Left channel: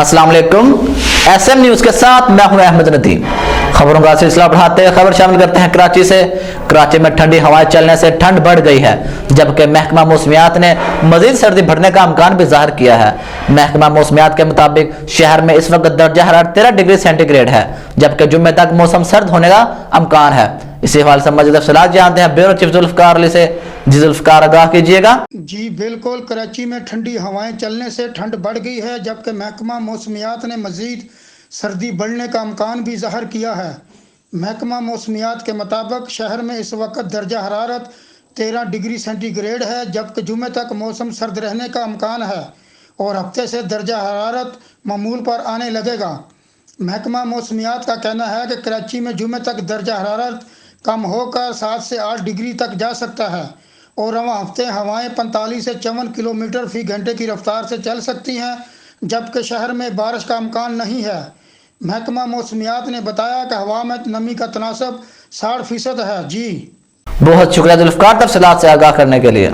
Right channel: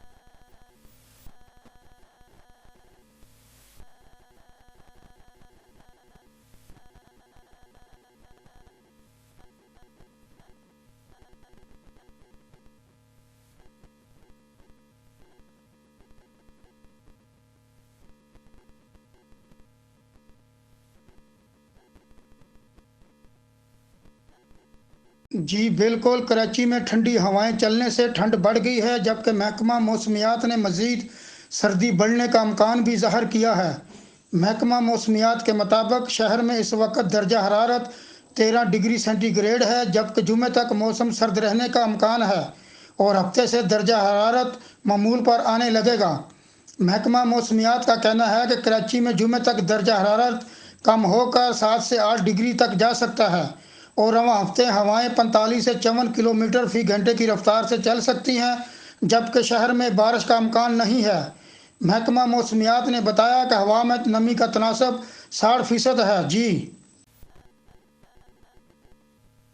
अस्सलाम वालेकुम। SM news के साथ मैं हूं अहमद नदीम। खबरों का सिलसिला बढ़ाते हैं, खबर शामिल करते हैं कराची से। कराची में ठंडी हवाएं चलने से ठंड बढ़ गई है, जबकि महकमा मौसमियात ने मजीद सर्दी बढ़ने का इम्कान भी जाहिर किया है। महकमा मौसमियात के मुताबिक शहर में इस वक्त दर्जा हरारत 13 डिग्री सेंटीग्रेड है, जबकि जुम्मे तक मौसम सर्द होने का इम्कान है। इसी हवाले से मजीद तफसीलात जानते हैं ब्यूरो चीफ जुल्फकार अली से। जी जुल्फकार, आगाह कीजिएगा। जी बिल्कुल, कराची में ठंडी हवाएं चलने से ठंड बढ़ गई है, जबकि महकमा मौसमियात ने मज़ीद सर्दी बढ़ने का इम्कान भी ज़ाहिर किया है। महकमा मौसमियात के मुताबिक शहर में इस वक्त दर्जा हरारत 13 डिग्री सेंटीग्रेड है, जबकि जुमे तक मौसम सर्द रहने का इम्कान है और हफ्ते से दर्जा हरारत मामूल पर आने लगेगा। महकमा मौसमियात का कहना है कि कराची में जुमे तक दर्जा हरारत कम होकर 7 से 8 डिग्री तक जा सकता है और रवां हफ्ते हवाएं 45 से 54 किलोमीटर फी घंटे की रफ्तार से चल सकती हैं, जबकि शहर में बारिश का इम्कान नहीं है। महकमा मौसमियात ने बताया कि हवा में नमी का तनासब 60% है। जी बहुत शुक्रिया जुल्फकार, तफसीलात से आगाह करने के लिए।